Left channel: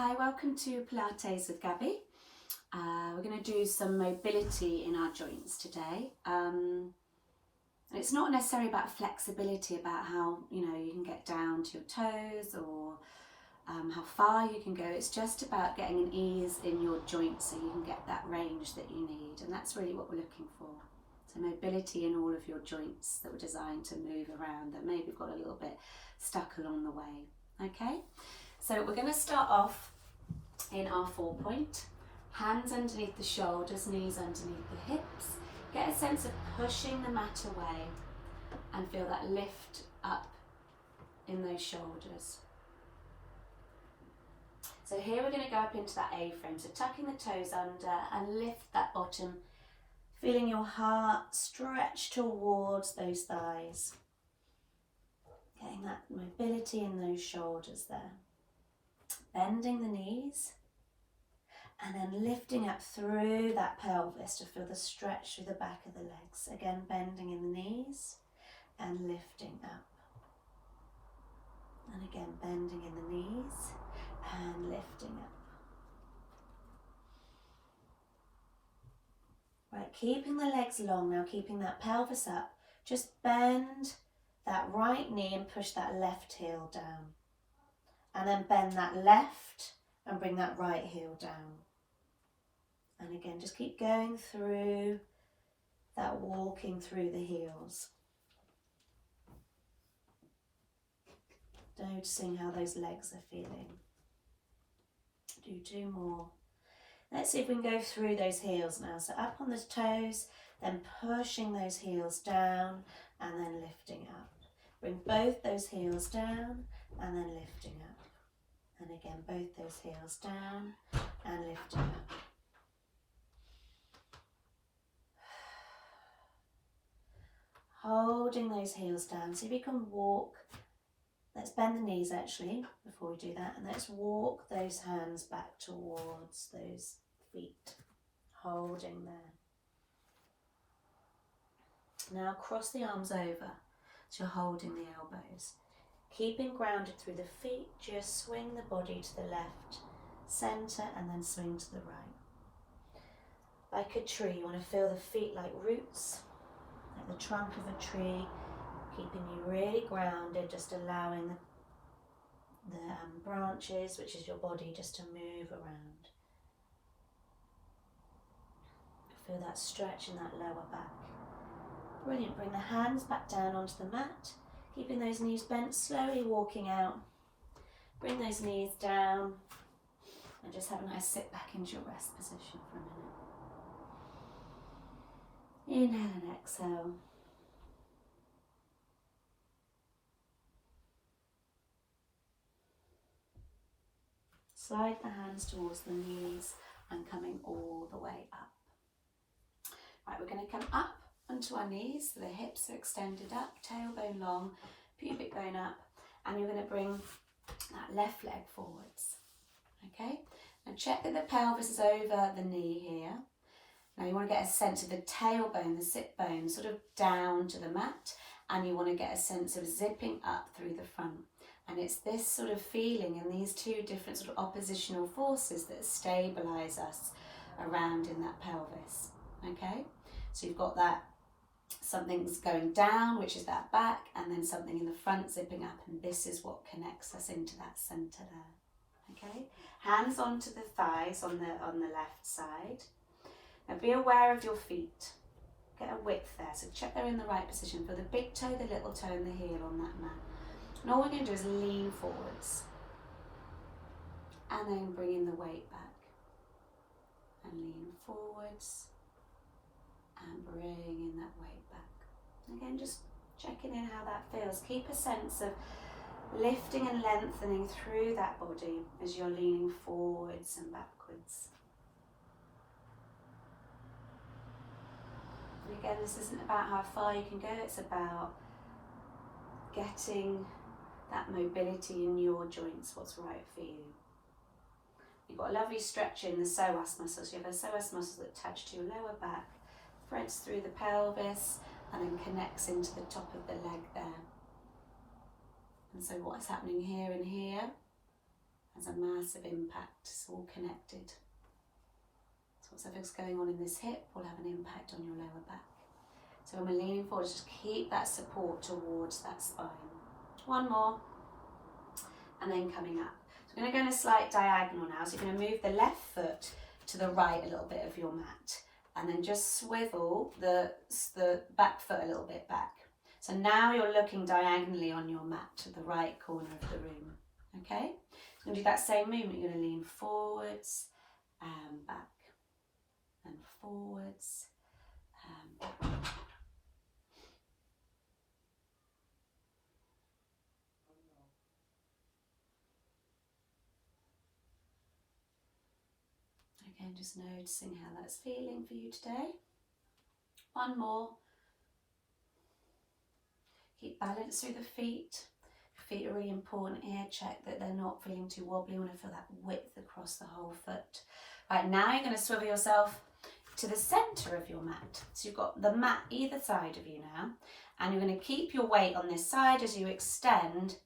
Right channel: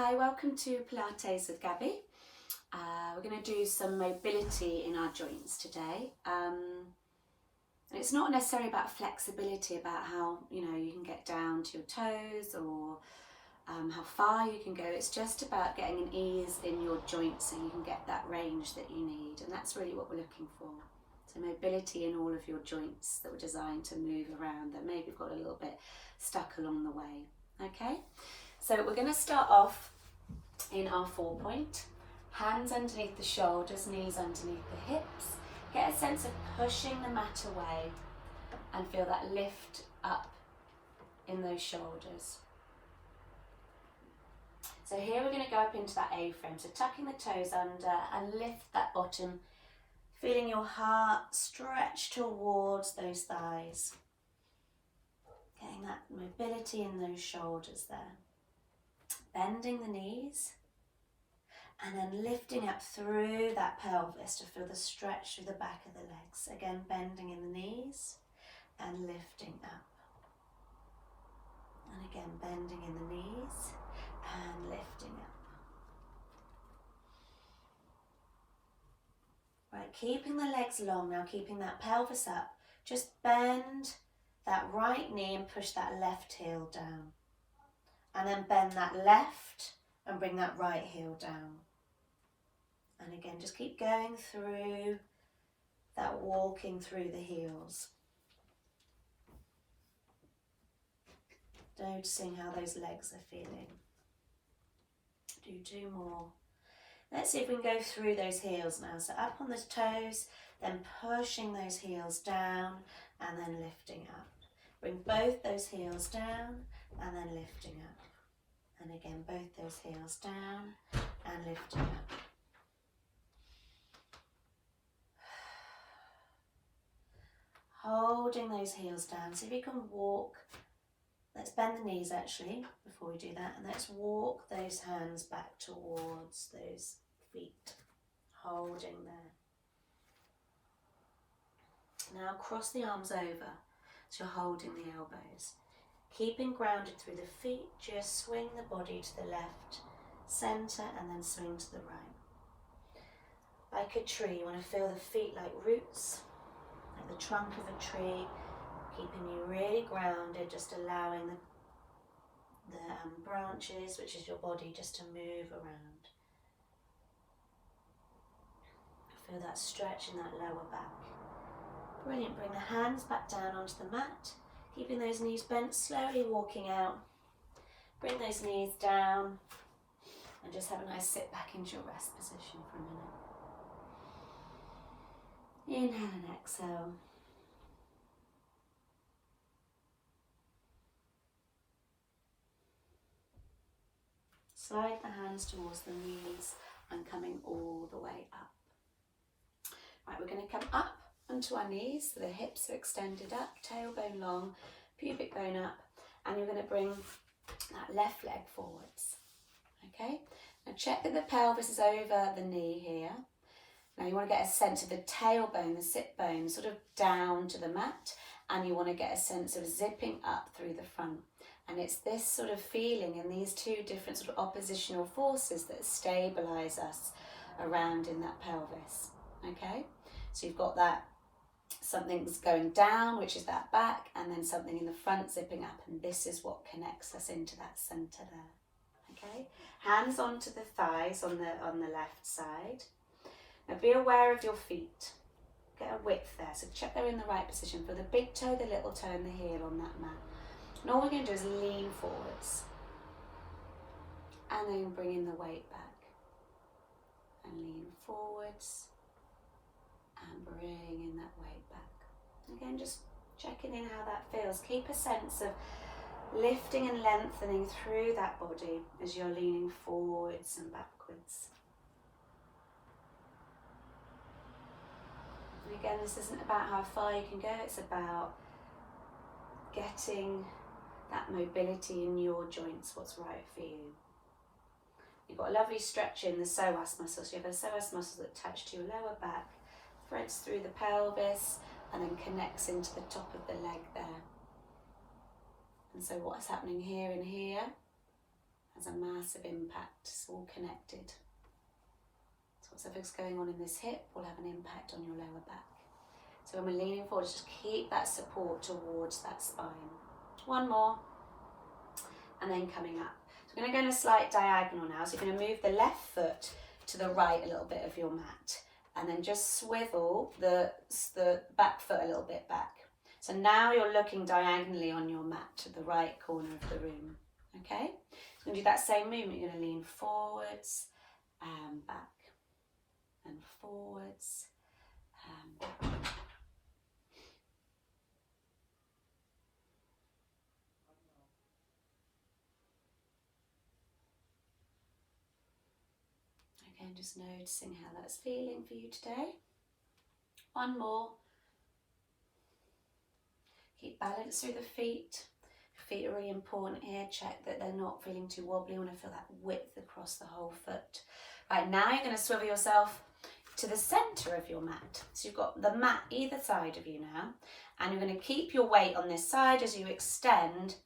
Hi, welcome to Pilates with Gabby. We're going to do some mobility in our joints today. It's not necessarily about flexibility, about how you can get down to your toes or how far you can go. It's just about getting an ease in your joints so you can get that range that you need, and that's really what we're looking for. So mobility in all of your joints that were designed to move around that maybe got a little bit stuck along the way. Okay, so we're going to start off in our 4-point. Hands underneath the shoulders, knees underneath the hips. Get a sense of pushing the mat away and feel that lift up in those shoulders. So here we're going to go up into that A-frame, so tucking the toes under and lift that bottom, feeling your heart stretch towards those thighs. Getting that mobility in those shoulders there. Bending the knees and then lifting up through that pelvis to feel the stretch through the back of the legs. Again, bending in the knees and lifting up. And again, bending in the knees and lifting up. Right, keeping the legs long now, keeping that pelvis up. Just bend that right knee and push that left heel down. And then bend that left and bring that right heel down. And again, just keep going through that, walking through the heels. Noticing how those legs are feeling. Do 2 more. Let's see if we can go through those heels now. So up on the toes, then pushing those heels down and then lifting up. Bring both those heels down and then lifting up. And again, both those heels down and lifting up. Holding those heels down. So if you can walk, let's bend the knees actually before we do that. And let's walk those hands back towards those feet. Holding there. Now cross the arms over. So you're holding the elbows. Keeping grounded through the feet, just swing the body to the left, centre, and then swing to the right. Like a tree, you want to feel the feet like roots, like the trunk of a tree, keeping you really grounded, just allowing the branches, which is your body, just to move around. Feel that stretch in that lower back. Brilliant, bring the hands back down onto the mat. Keeping those knees bent, slowly walking out. Bring those knees down and just have a nice sit back into your rest position for a minute. Inhale and exhale. Slide the hands towards the knees and coming all the way up. Right, we're going to come up onto our knees, so the hips are extended up, tailbone long, pubic bone up, and you're going to bring that left leg forwards. Okay, now check that the pelvis is over the knee here. Now you want to get a sense of the tailbone, the sit bone, sort of down to the mat, and you want to get a sense of zipping up through the front. And it's this sort of feeling in these 2 different sort of oppositional forces that stabilise us around in that pelvis. Okay, so you've got that something's going down, which is that back, and then something in the front zipping up, and this is what connects us into that centre there. Okay, hands onto the thighs on the left side. Now be aware of your feet. Get a width there, so check they're in the right position. For the big toe, the little toe, and the heel on that mat. And all we're going to do is lean forwards, and then bring in the weight back, and lean forwards, and bring in that weight back. Again, just checking in how that feels. Keep a sense of lifting and lengthening through that body as you're leaning forwards and backwards. And again, this isn't about how far you can go, it's about getting that mobility in your joints, what's right for you. You've got a lovely stretch in the psoas muscles. You have a psoas muscle that touch to your lower back, threads through the pelvis, and then connects into the top of the leg there. And so what's happening here and here, has a massive impact. It's all connected. So whatever's going on in this hip will have an impact on your lower back. So when we're leaning forward, just keep that support towards that spine. One more, and then coming up. So we're going to go in a slight diagonal now. So you're going to move the left foot to the right a little bit of your mat, and then just swivel the back foot a little bit back. So now you're looking diagonally on your mat to the right corner of the room. Okay? So we're going to do that same movement. You're going to lean forwards and back, and forwards and back. Again, just noticing how that's feeling for you today. One more. Keep balance through the feet. Feet are really important here. Check that they're not feeling too wobbly. You want to feel that width across the whole foot. Right, now you're going to swivel yourself to the centre of your mat. So you've got the mat either side of you now, and you're going to keep your weight on this side as you extend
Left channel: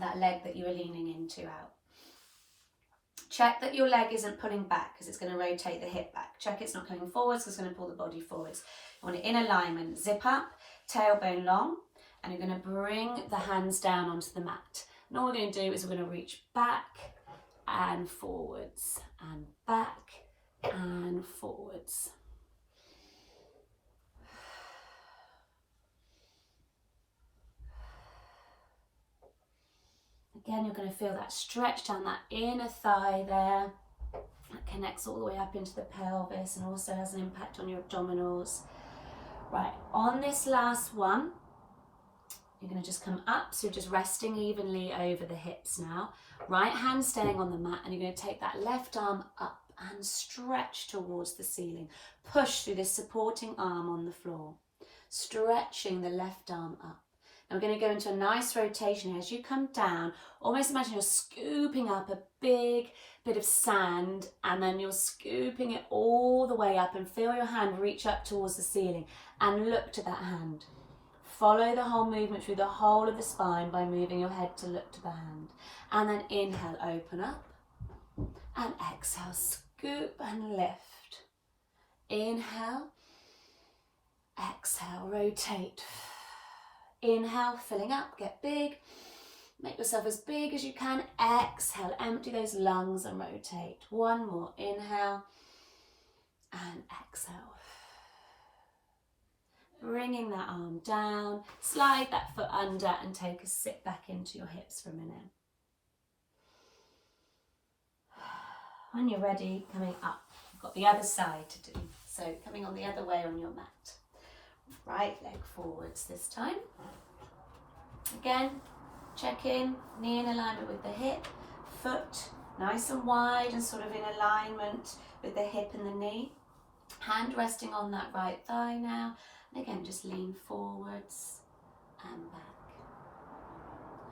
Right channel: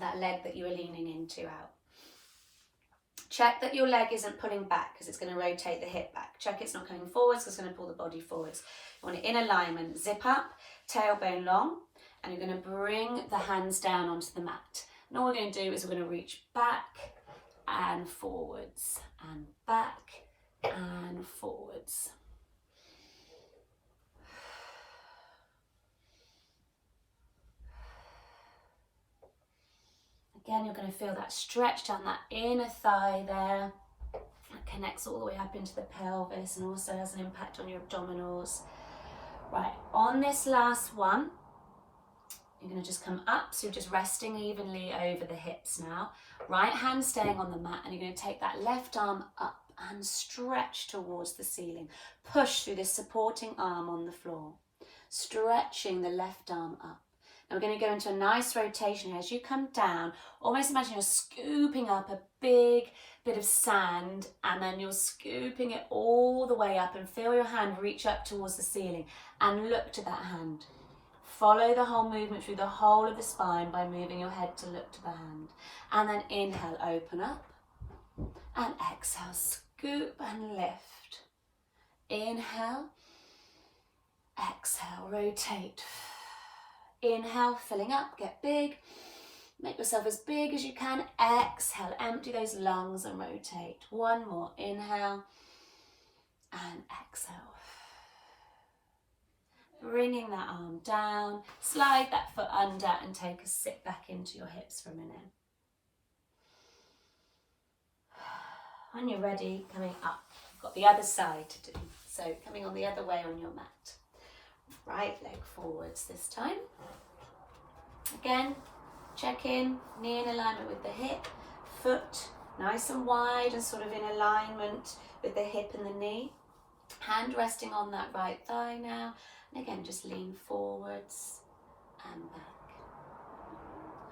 that leg that you are leaning into out. Check that your leg isn't pulling back because it's going to rotate the hip back. Check it's not coming forwards because it's going to pull the body forwards. You want it in alignment. Zip up, tailbone long, and you're going to bring the hands down onto the mat. And all we're going to do is we're going to reach back and forwards and back and forwards. Again, you're going to feel that stretch down that inner thigh there. That connects all the way up into the pelvis and also has an impact on your abdominals. Right, on this last one, you're going to just come up, so you're just resting evenly over the hips now. Right hand staying on the mat, and you're going to take that left arm up and stretch towards the ceiling. Push through this supporting arm on the floor, stretching the left arm up. Now we're going to go into a nice rotation here. As you come down, almost imagine you're scooping up a big bit of sand, and then you're scooping it all the way up, and feel your hand reach up towards the ceiling and look to that hand. Follow the whole movement through the whole of the spine by moving your head to look to the hand. And then inhale, open up, and exhale, scoop and lift. Inhale, exhale, rotate. Inhale, filling up, get big. Make yourself as big as you can. Exhale, empty those lungs and rotate. One more, inhale and exhale. Bringing that arm down, slide that foot under and take a sit back into your hips for a minute. When you're ready, coming up, you've got the other side to do. So coming on the other way on your mat. Right leg forwards this time. Again, check in, knee in alignment with the hip, foot nice and wide and sort of in alignment with the hip and the knee. Hand resting on that right thigh now. And again, just lean forwards and back,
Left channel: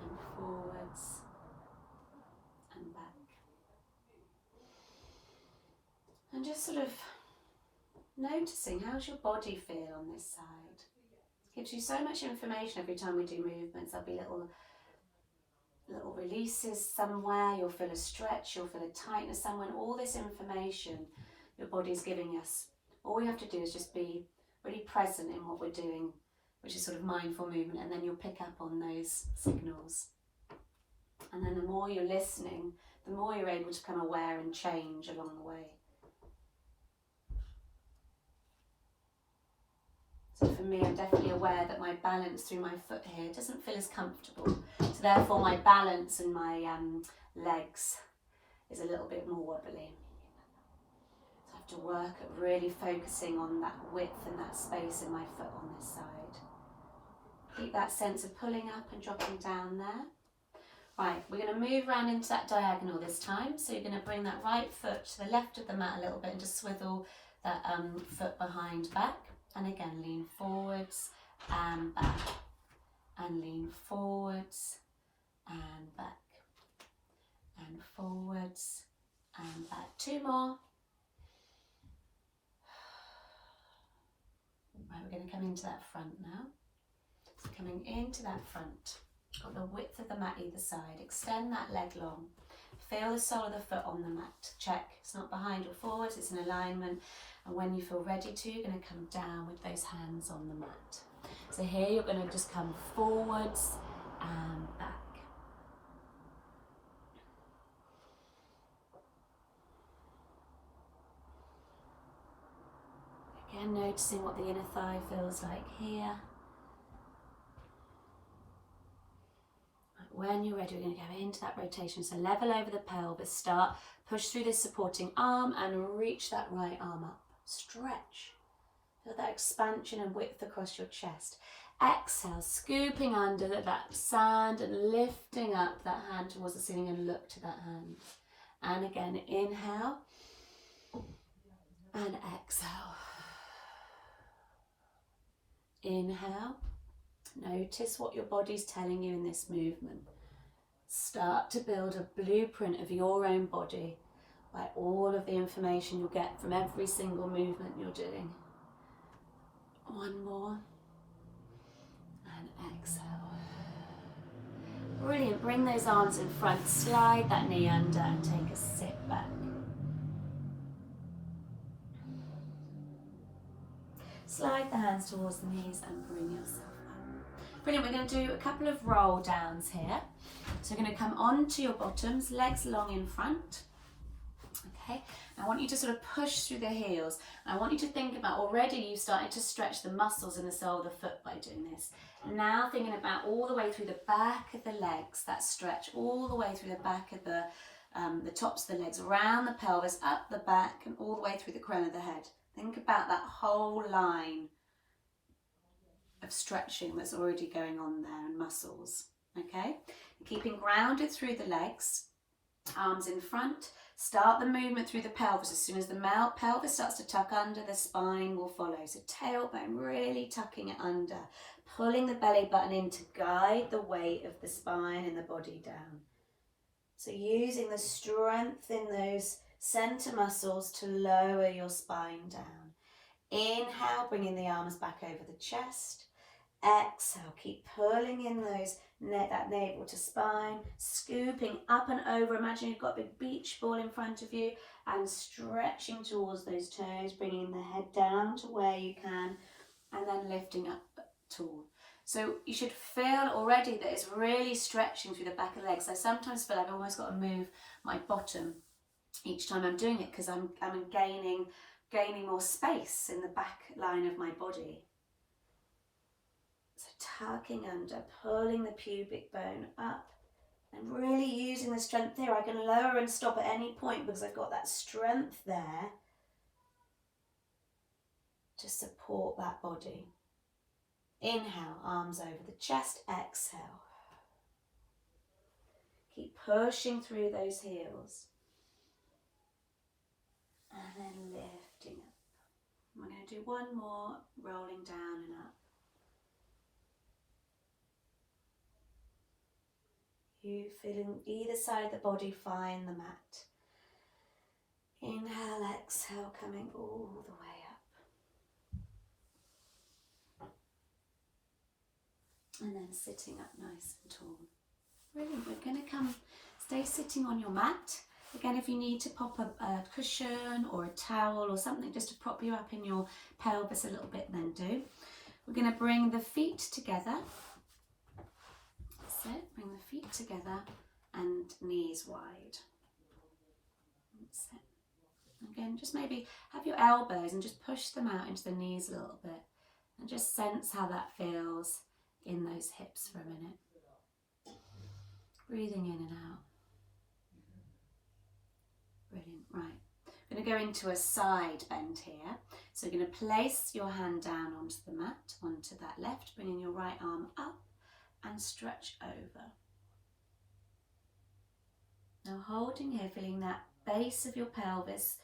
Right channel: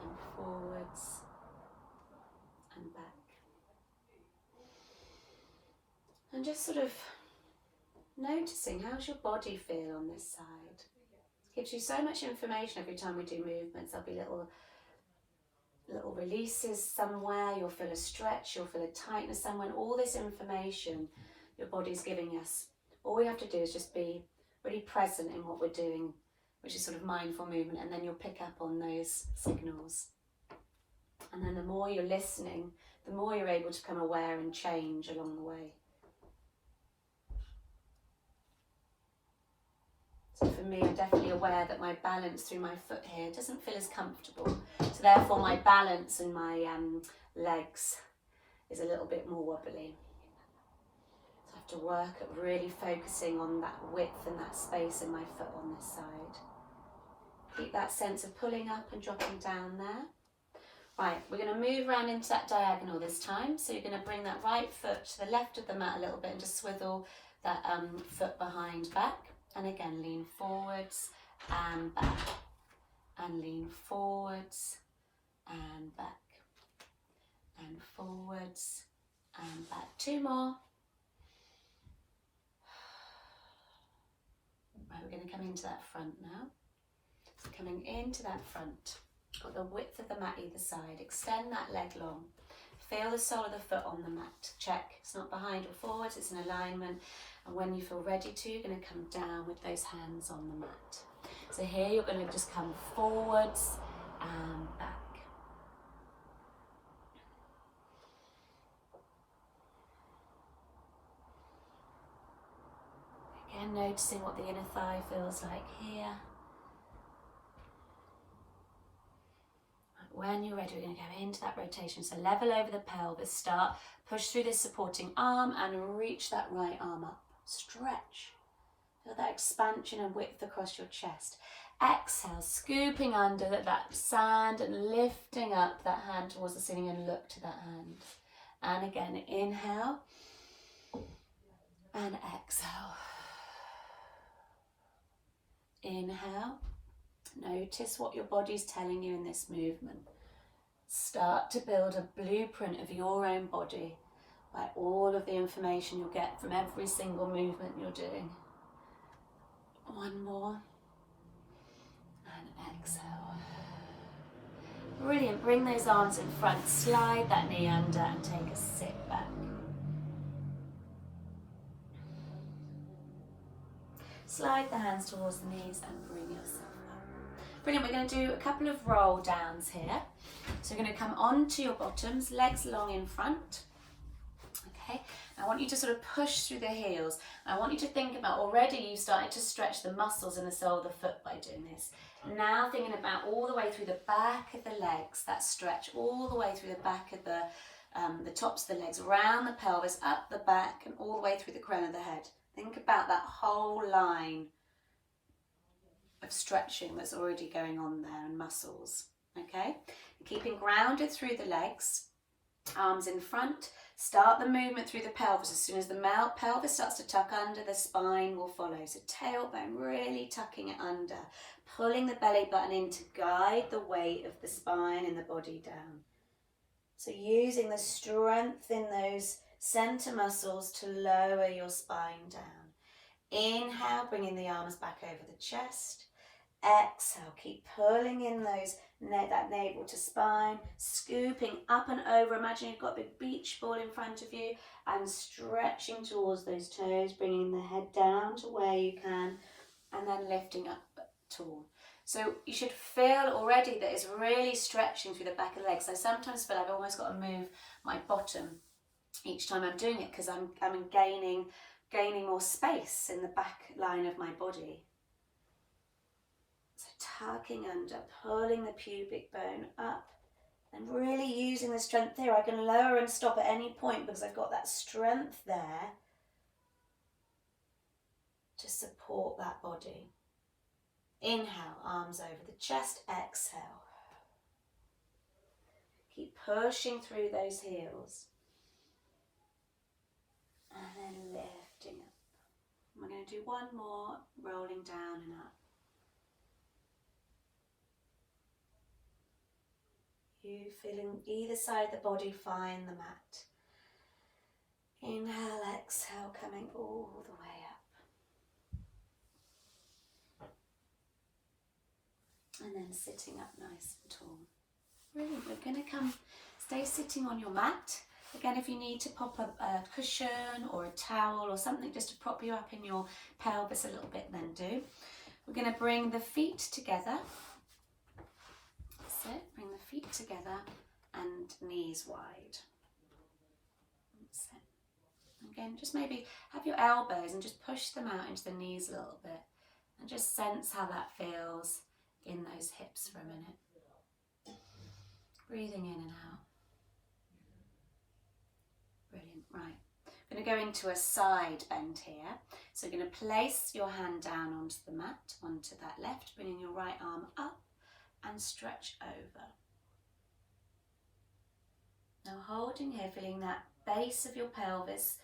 and forwards and back. And just sort of noticing, how's your body feel on this side? It gives you so much information every time we do movements. There'll be little releases somewhere, you'll feel a stretch, you'll feel a tightness somewhere, and all this information your body's giving us. All we have to do is just be really present in what we're doing, which is sort of mindful movement, and then you'll pick up on those signals. And then the more you're listening, the more you're able to become aware and change along the way. So for me, I'm definitely aware that my balance through my foot here doesn't feel as comfortable. So therefore my balance and my legs is a little bit more wobbly. So I have to work at really focusing on that width and that space in my foot on this side. Keep that sense of pulling up and dropping down there. Right, we're going to move around into that diagonal this time. So you're going to bring that right foot to the left of the mat a little bit and just swivel that foot behind back. And again, lean forwards and back, and lean forwards and back, and forwards and back. Two more. Right, we're going to come into that front now. So coming into that front, got the width of the mat either side. Extend that leg long. Feel the sole of the foot on the mat. Check. It's not behind or forwards, it's in alignment. And when you feel ready to, you're going to come down with those hands on the mat. So here you're going to just come forwards and back. Again, noticing what the inner thigh feels like here. When you're ready, we're going to go into that rotation. So level over the pelvis, start, push through this supporting arm and reach that right arm up. Stretch. Feel that expansion and width across your chest. Exhale, scooping under that sand and lifting up that hand towards the ceiling and look to that hand. And again, inhale and exhale. Inhale. Notice what your body's telling you in this movement. Start to build a blueprint of your own body by all of the information you'll get from every single movement you're doing. One more. And exhale. Brilliant. Bring those arms in front. Slide that knee under and take a sit back. Slide the hands towards the knees and bring yourself up. Brilliant. We're going to do a couple of roll downs here. So you're going to come onto your bottoms, legs long in front. Okay. I want you to sort of push through the heels. I want you to think about, already you've started to stretch the muscles in the sole of the foot by doing this. Now thinking about all the way through the back of the legs, that stretch all the way through the back of the tops of the legs, around the pelvis, up the back and all the way through the crown of the head. Think about that whole line of stretching that's already going on there and muscles, okay? Keeping grounded through the legs, arms in front. Start the movement through the pelvis. As soon as the pelvis starts to tuck under, the spine will follow. So tailbone, really tucking it under, pulling the belly button in to guide the weight of the spine and the body down. So using the strength in those center muscles to lower your spine down. Inhale, bringing the arms back over the chest. Exhale, keep pulling in that navel to spine, scooping up and over. Imagine you've got a big beach ball in front of you and stretching towards those toes, bringing the head down to where you can and then lifting up tall. So you should feel already that it's really stretching through the back of the legs. I sometimes feel I've almost got to move my bottom each time I'm doing it because I'm gaining more space in the back line of my body. So tucking under, pulling the pubic bone up and really using the strength here. I can lower and stop at any point because I've got that strength there to support that body. Inhale, arms over the chest, exhale. Keep pushing through those heels. And then lifting up. We're going to do one more, rolling down and up. You feeling either side of the body, find the mat. Inhale, exhale, coming all the way up. And then sitting up nice and tall. Brilliant. We're going to stay sitting on your mat. Again, if you need to pop a cushion or a towel or something just to prop you up in your pelvis a little bit, then do. We're going to bring the feet together. That's it. Bring the feet together and knees wide. That's it. Again, just maybe have your elbows and just push them out into the knees a little bit. And just sense how that feels in those hips for a minute. Breathing in and out. Brilliant, right. I'm going to go into a side bend here. So you're going to place your hand down onto the mat, onto that left, bringing your right arm up and stretch over. Now holding here, feeling that base of your pelvis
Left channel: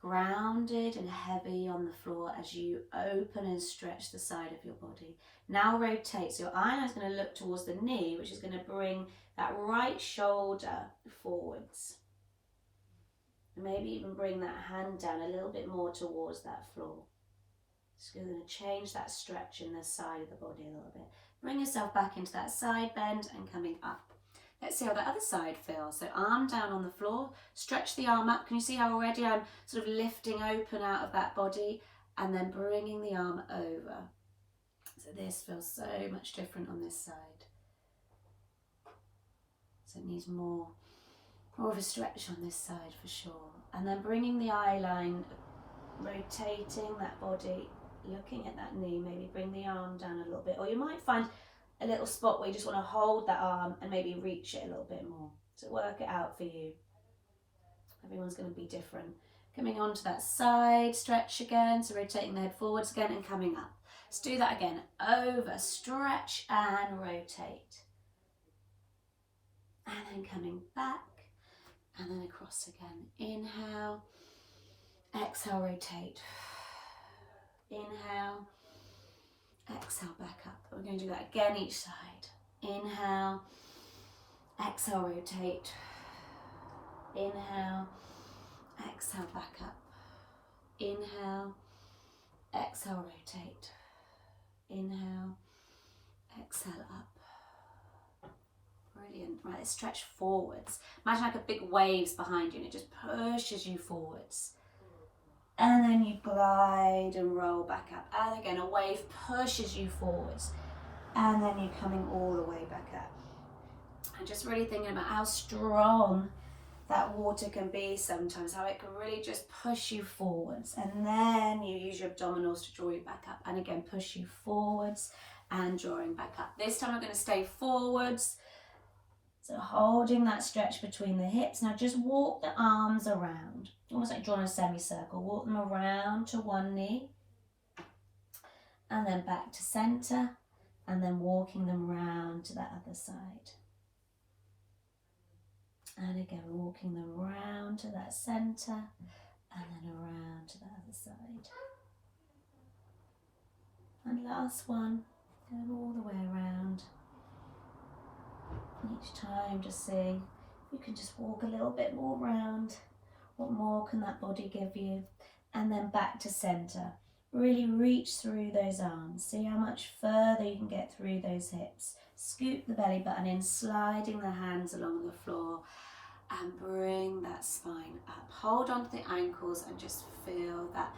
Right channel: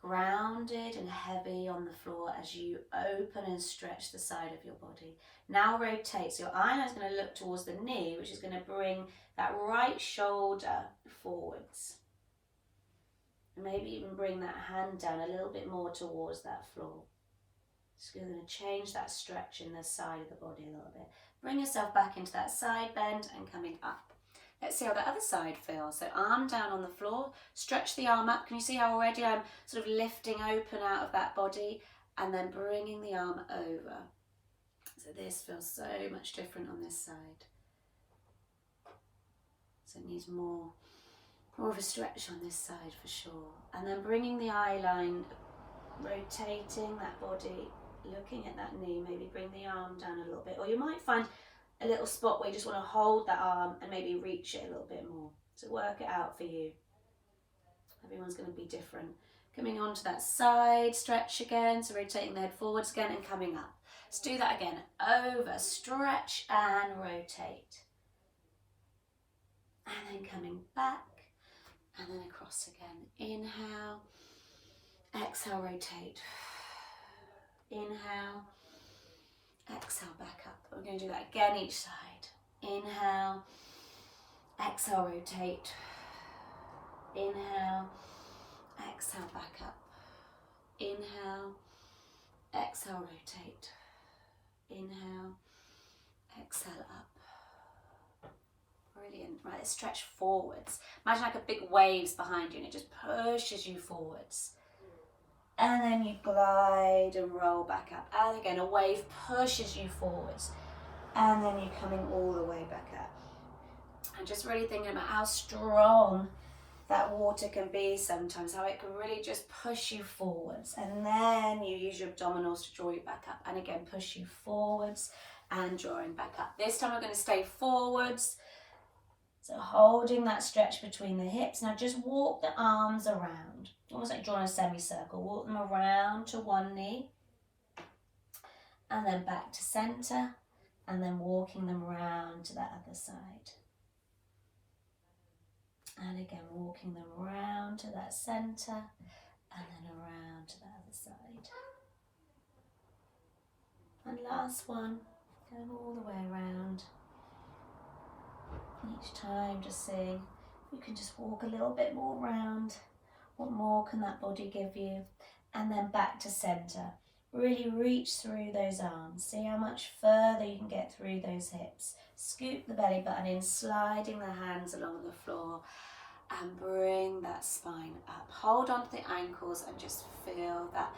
grounded and heavy on the floor as you open and stretch the side of your body. Now rotate, so your eye is going to look towards the knee, which is going to bring that right shoulder forwards. Maybe even bring that hand down a little bit more towards that floor. So you're going to change that stretch in the side of the body a little bit. Bring yourself back into that side bend and coming up. Let's see how the other side feels. So arm down on the floor, stretch the arm up. Can you see how already I'm sort of lifting open out of that body and then bringing the arm over. So this feels so much different on this side. So it needs more of a stretch on this side for sure. And then bringing the eye line, rotating that body, looking at that knee, maybe bring the arm down a little bit. Or you might find a little spot where you just want to hold that arm and maybe reach it a little bit more. So work it out for you. Everyone's going to be different. Coming onto that side, stretch again, so rotating the head forwards again and coming up. Let's do that again. Over, stretch and rotate. And then coming back and then across again. Inhale, exhale, rotate. Inhale, exhale, back up. We're going to do that again each side. Inhale, exhale, rotate. Inhale, exhale, back up. Inhale, exhale, rotate. Inhale, exhale, up. Brilliant. Right, let's stretch forwards. Imagine like a big waves behind you and it just pushes you forwards. And then you glide and roll back up. And again, a wave pushes you forwards. And then you're coming all the way back up. And just really thinking about how strong that water can be sometimes, how it can really just push you forwards. And then you use your abdominals to draw you back up. And again, push you forwards and drawing back up. This time we're going to stay forwards. So holding that stretch between the hips. Now just walk the arms around. Almost like drawing a semicircle. Walk them around to one knee. And then back to center. And then walking them round to that other side. And again, walking them round to that center. And then around to the other side. And last one. Going all the way around. Each time just seeing if you can just walk a little bit more round. What more can that body give you? And then back to center. Really reach through those arms. See how much further you can get through those hips. Scoop the belly button in, sliding the hands along the floor. And bring that spine up. Hold on to the ankles and just feel that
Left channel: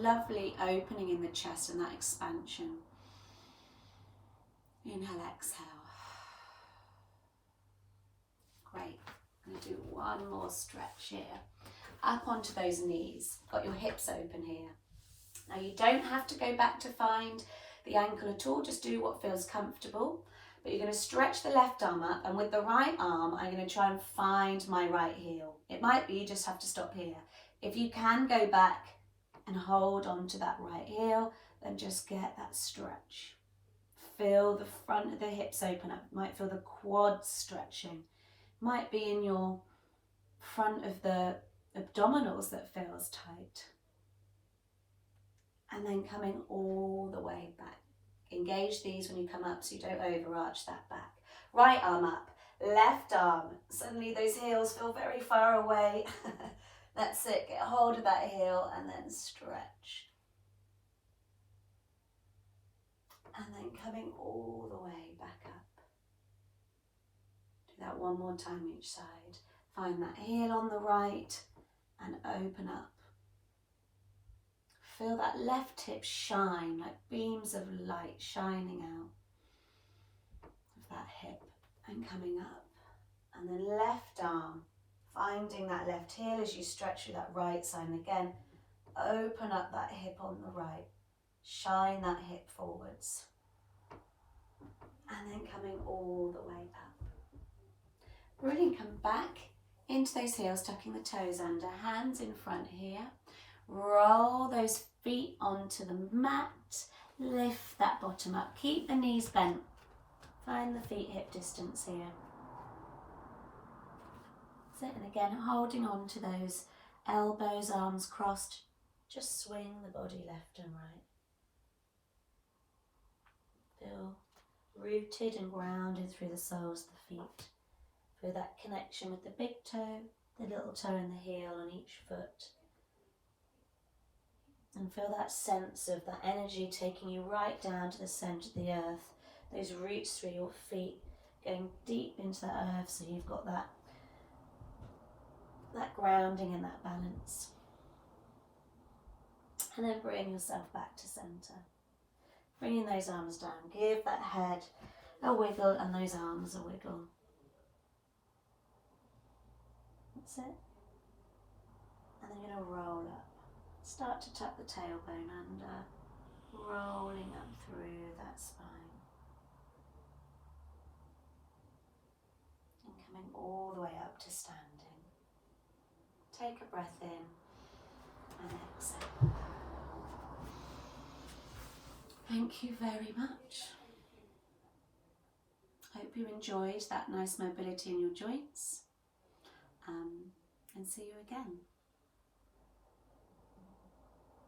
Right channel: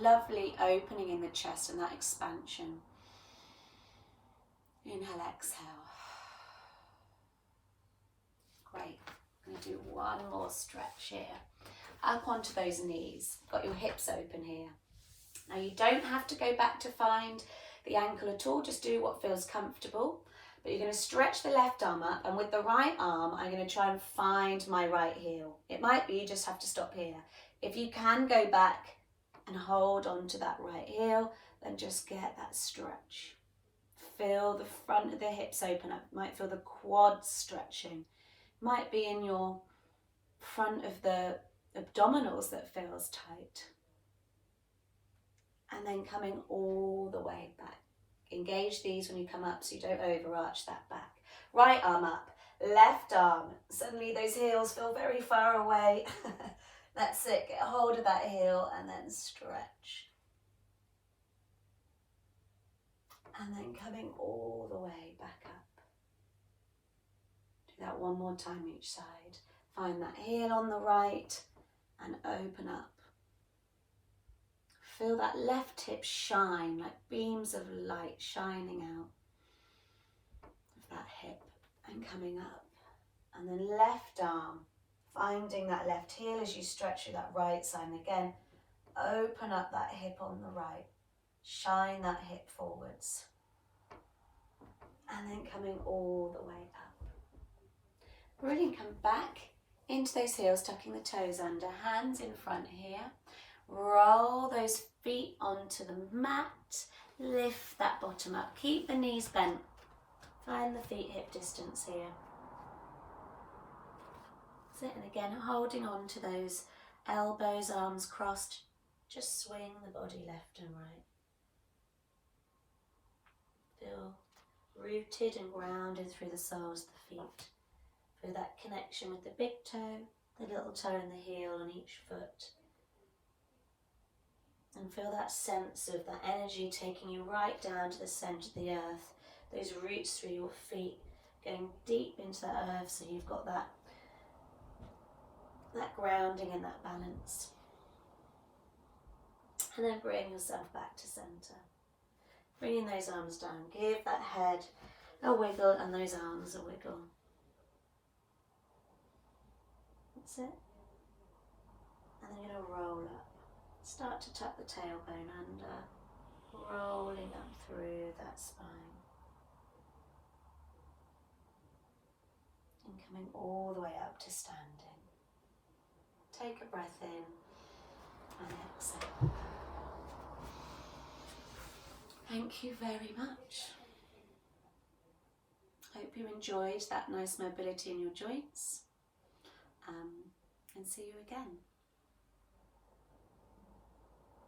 lovely opening in the chest and that expansion. Inhale, exhale. Great. I'm going to do one more stretch here. Up onto those knees. Got your hips open here. Now you don't have to go back to find the ankle at all. Just do what feels comfortable. But you're going to stretch the left arm up, and with the right arm, I'm going to try and find my right heel. It might be you just have to stop here. If you can go back and hold on to that right heel, then just get that stretch. Feel the front of the hips open up. You might feel the quads stretching. Might be in your front of the abdominals that feels tight. And then coming all the way back. Engage these when you come up so you don't overarch that back. Right arm up, left arm. Suddenly those heels feel very far away. That's it, get hold of that heel and then stretch. And then coming all the way back up. Do that one more time each side. Find that heel on the right and open up. Feel that left hip shine, like beams of light shining out of that hip and coming up. And then left arm, finding that left heel as you stretch through that right side. And again, open up that hip on the right. Shine that hip forwards. And then coming all the way up. Brilliant, come back into those heels, tucking the toes under, hands in front here. Roll those feet onto the mat, lift that bottom up, keep the knees bent, find the feet hip distance here. That's it, and again holding on to those elbows, arms crossed, just swing the body left and right. Feel rooted and grounded through the soles of the feet. Feel that connection with the big toe, the little toe and the heel on each foot. And feel that sense of that energy taking you right down to the centre of the earth. Those roots through your feet going deep into the earth so you've got that grounding and that balance. And then bring yourself back to centre. Bringing those arms down. Give that head a wiggle and those arms a wiggle. That's it. And then you're going to roll up. Start to tuck the tailbone under, rolling up through that spine. And coming all the way up to standing. Take a breath in and exhale. Thank you very much. Hope you enjoyed that nice mobility in your joints, and see you again.